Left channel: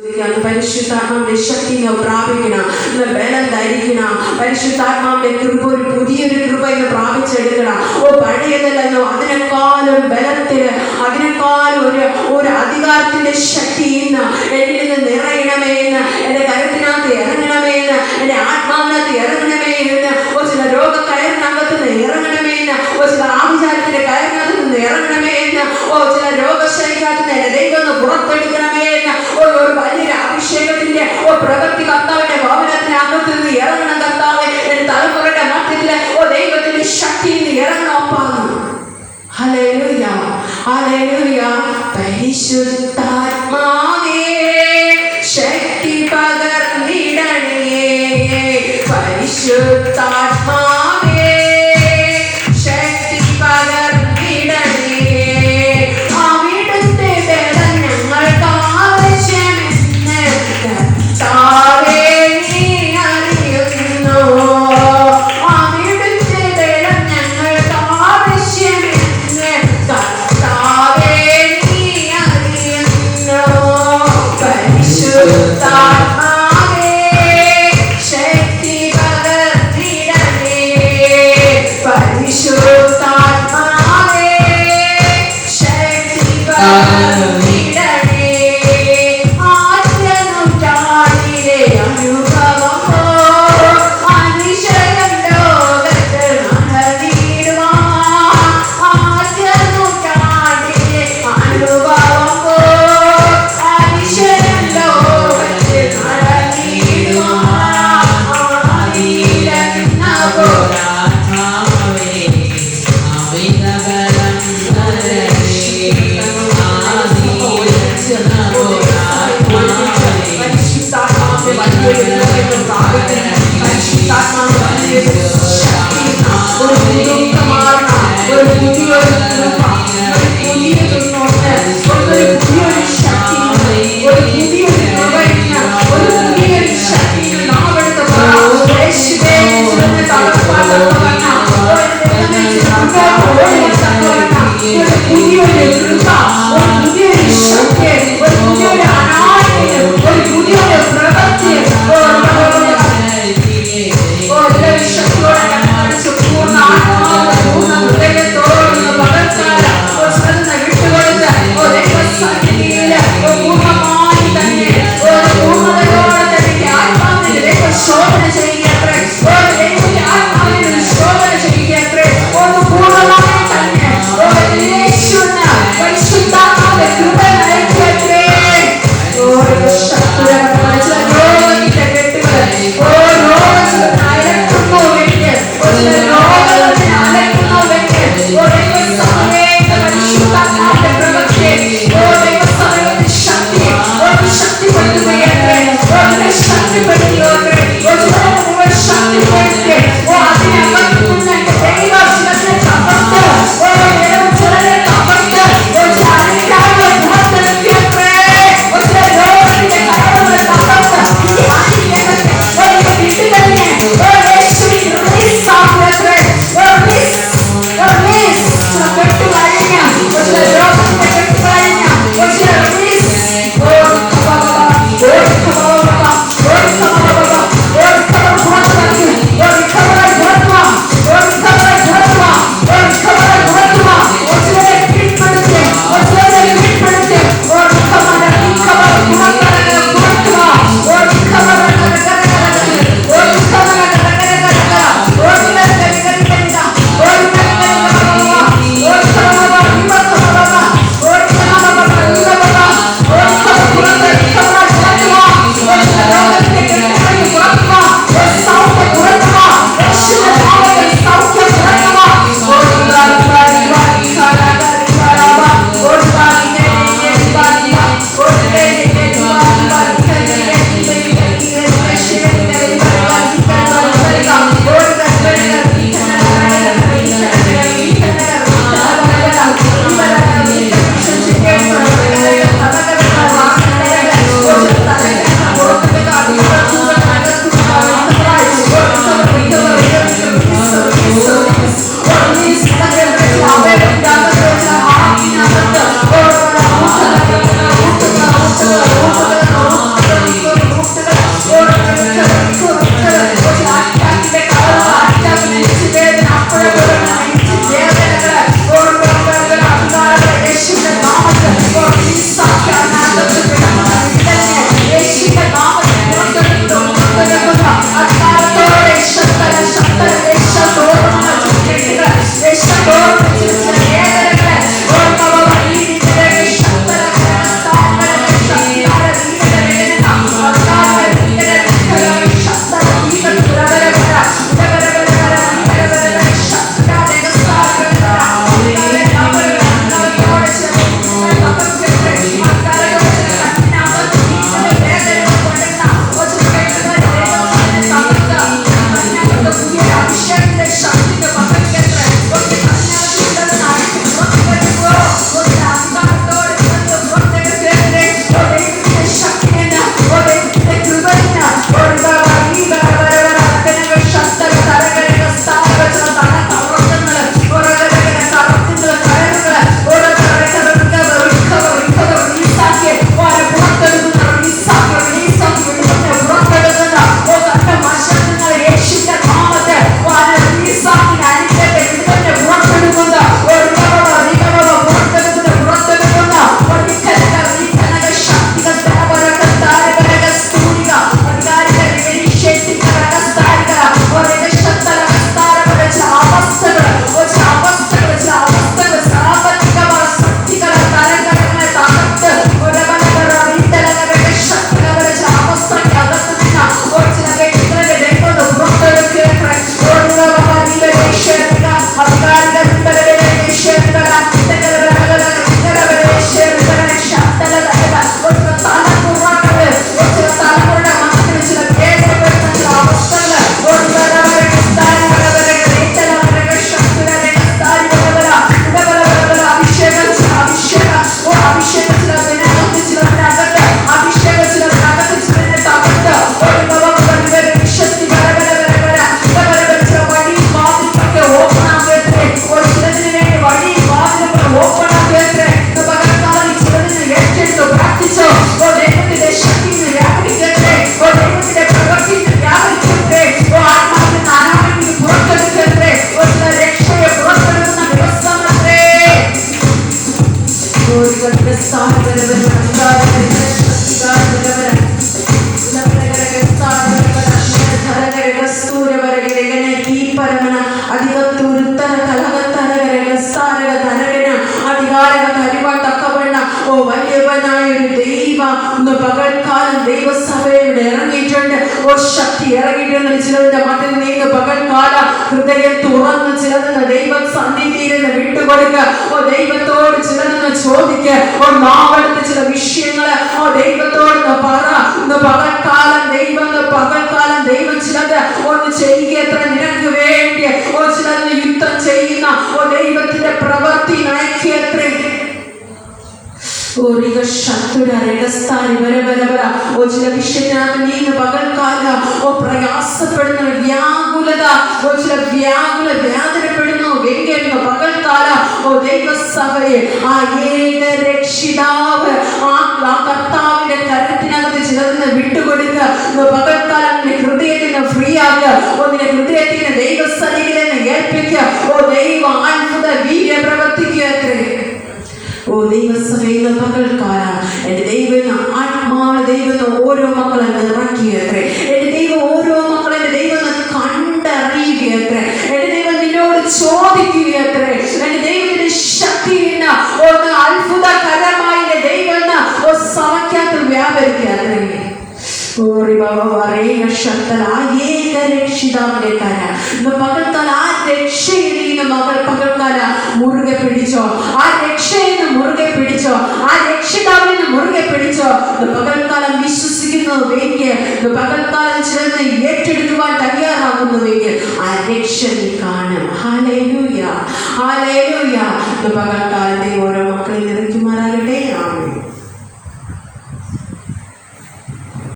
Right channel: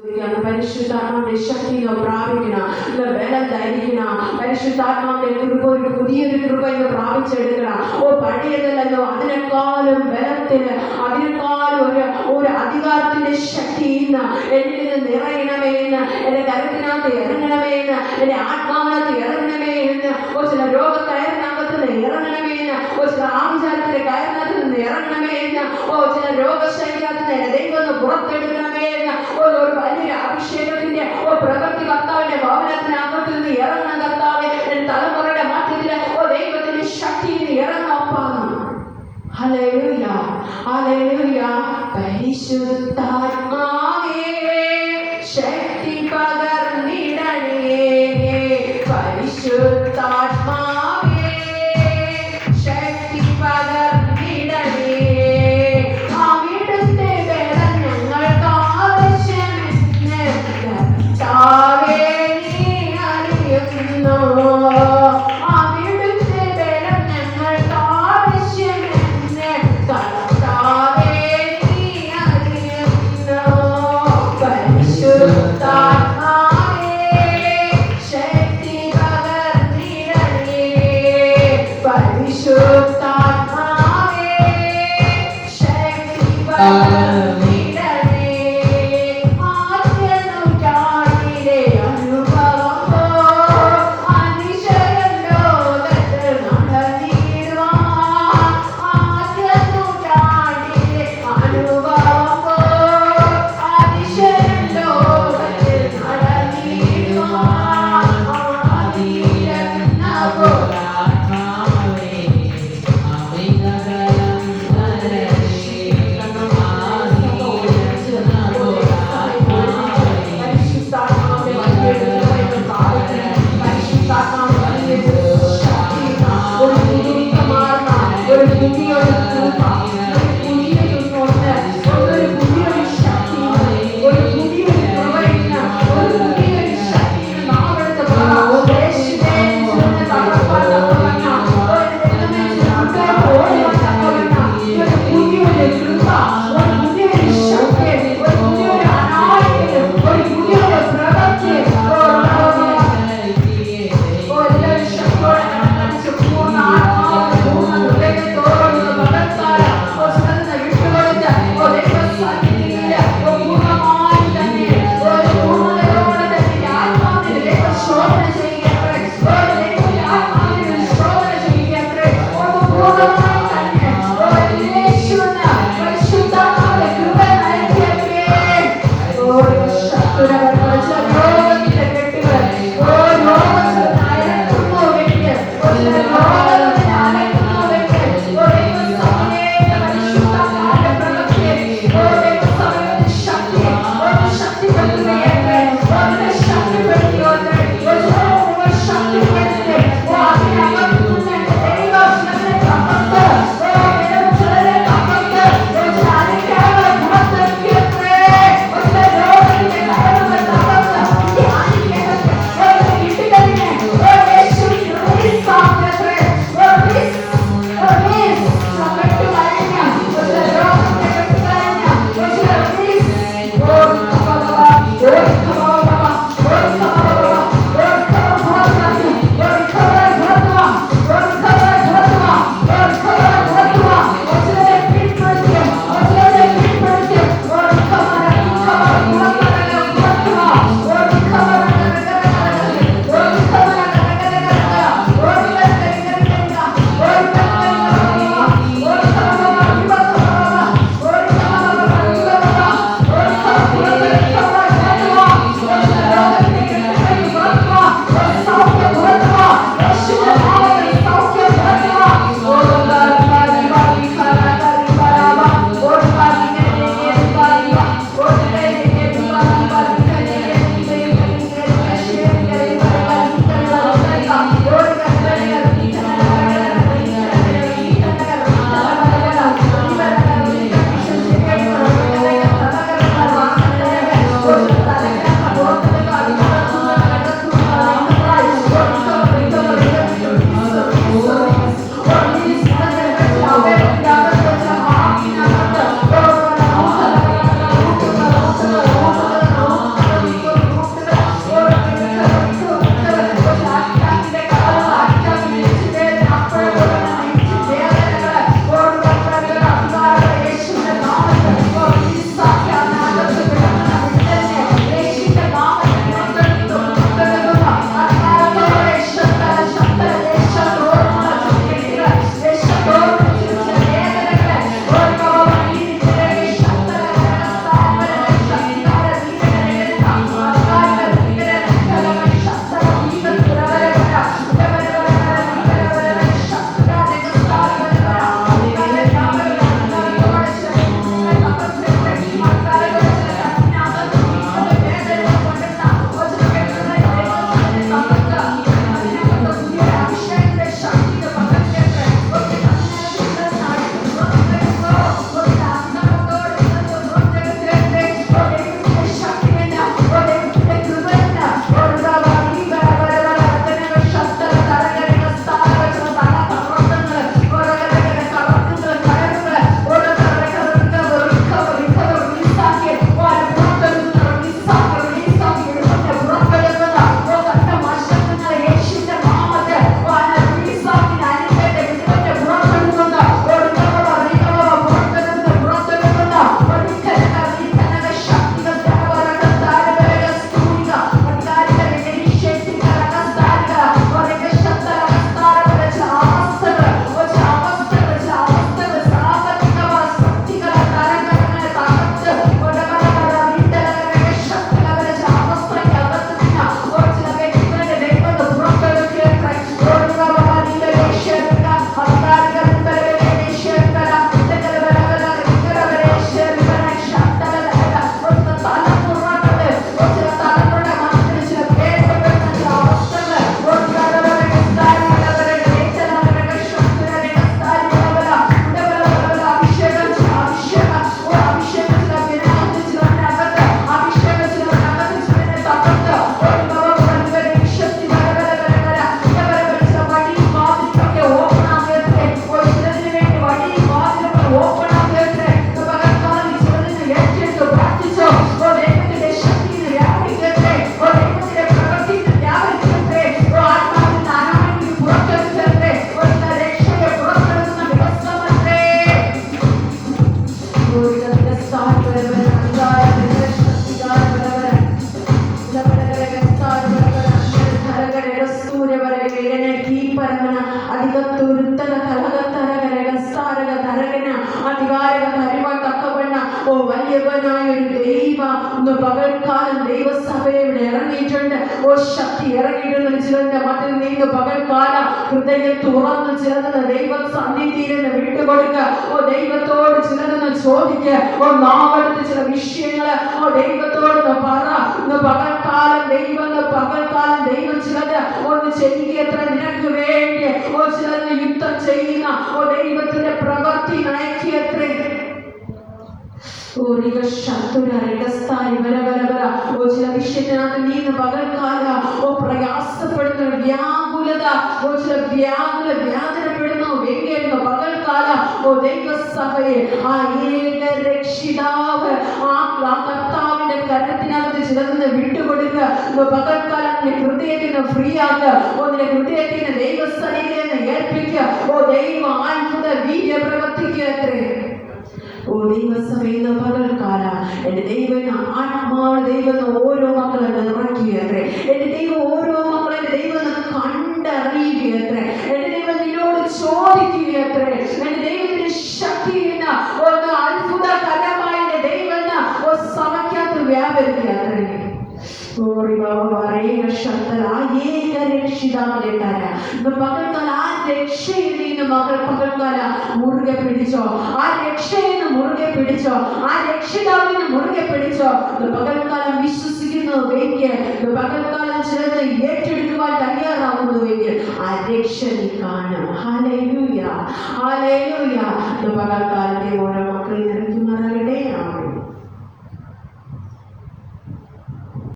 പരിശുദ്ധാത്മാവിന്റെ ശക്തി പ്രാപിക്കണം, ബലം ധരിക്കണം. പരിശുദ്ധാത്മാവിന്റെ കൃപ ഒരു പുതിയൊരു കൃപ എന്ന് പ്രാപിച്ചെടുക്കണം. പഴയതല്ലോ അതിനേക്കാളും ബലത്തിന്, അതിനേക്കാളും ഒരു അധികാരത്തിന്റെ ശക്തി എന്നിൽ നിന്ന് നിറയണമേ എന്ന്, എന്റെ കരുത്തിനകത്ത് ഇറങ്ങണമേ എന്ന്, എന്റെ ആത്മാവിനകത്ത് ഇറങ്ങണമേ എന്ന്, ചില രോഗ കയറിനകത്ത് നിന്ന് ഇറങ്ങണമേ എന്ന്, ചില ആഭിചാരത്തിന്റെ കയറിനകത്ത് നിന്ന് ഇറങ്ങണമേ എന്ന്, ചില രോഗശൈലിനകത്ത് നിന്ന് ദൈവം പുറത്തെടുക്കണമേ എന്ന്, ഒരു വലിയൊരു അഭിഷേകത്തിന്റെ പ്രവൃത്തി കർത്താവിന്റെ ഭവനത്തിനകത്ത് നിന്ന് ഇറങ്ങണം. കർത്താവ് എന്റെ തലമുറയുടെ മധ്യത്തില് ദൈവത്തിന്റെ ശക്തി ഇറങ്ങണം. Hallelujah, hallelujah. പരിശുദ്ധാത്മാവേ ശക്തി പകർന്നിടണേ, പരിശുദ്ധാത്മാവേ ശക്തി പകർന്നിടണേ. അവിടുത്തെ ബലം ഞങ്ങൾക്ക് ആവശ്യമെന്ന് കർത്താവേ നീ അറിയുന്നു. അവിടുത്തെ ബലം ഞങ്ങൾക്ക് ആവശ്യമെന്ന് കർത്താവേ നീ അറിയുന്നു. പരിശുദ്ധാത്മാവേ പകൽക്കാലം ദൈവസഭയുടെ ഇറങ്ങിയിട്ടുണ്ട്. ശക്തി ഇറങ്ങിയിട്ടുണ്ട്. ചിലതിന്റെ മധ്യ നീങ്ങ് പകൽക്കാല ഹൃദയം തുറന്ന് ചിലതെന്ന് ദൈവ സന്നിധിയിൽ നിന്ന് വിട്ടുകൊടുക്കുക. ദൈവത്തോട് ചിലതെന്ന് ചോദിക്കുക. നാവെടുത്ത് ചില വിഷയങ്ങള് ദൈവത്തോട് പറ. പകൽക്കാലം ദൈവം ചിലത് ഒന്ന് ചെയ്യുക. നിനക്ക് വേണ്ടി ചിലത് യുദ്ധം ചെയ്യുന്ന ദൈവത്തിന്റെ പ്രവൃത്തി നയിക്കത്രേ. ചില വിഷയത്തിനകത്ത് നീ പകൽക്കാല പ്രയാസപ്പെടുന്ന വ്യാകുലത, ചില വ്യാകുലവേദനപ്പെടുന്നു വേണ്ടിയിരുന്നു പകൽക്കാല ദൈവസഭയെ ആ ഏക രക്ഷിതാവ് ആ കർത്താവിന്റെ കരത്തിനകത്ത് ചിലതിന് വിട്ടുകൊടുക്കുക. പകൽക്കാലം ഹൃദയത്തിന് ഫ്രീ ആക്കുക. നിന്റെ ഹൃദയത്തിന് ദൈവസന്നിധിയിൽ ഏൽപ്പിക്കുക. ദൈവ അത്ഭുത വീര്യ പ്രവർത്തിക്കുക. ദൈവസഭയുടെ പകൽക്കാലം എന്റെ ദൈവം ആത്മാവ് ദൈവം ഓരോ മക്കളെ നിറയ്ക്കുകയത്രേ. എന്റെ ദൈവം ഓരോ മക്കളെ എന്റെ ദൈവം കണ്ടറിയുകയത്രേ. എന്റെ ദൈവം നിന്നോട് ചോദിക്കുകയത്രേ. എന്റെ ദൈവത്തിന്റെ ശക്തിയിൽ ഒന്ന് അത്ഭുതകരമായി എന്റെ ദൈവം സഭയ്ക്കകത്ത് വ്യാപരിക്കുകയത്രേ. പകൽക്കാല ആ രക്ഷയിൽ പകൽക്കാല മുറുകെ പിടിച്ചോ. ആ രക്ഷയിൽ മുറുകെ പിടിച്ചോ. ആ രക്ഷിതാവിൽ മുറുകെ പിടിച്ചോ. പകൽക്കാലം വിശ്വസിക്കുന്നുവെങ്കിൽ, പകൽക്കാലം ചിലത് ഏറ്റെടുക്കുവാൻ തയ്യാറാകുന്നുവെങ്കിൽ ആ രക്ഷ നീ കാണും. Hallelujah, hallelujah. പകൽക്കാലത്തെ ഓരോ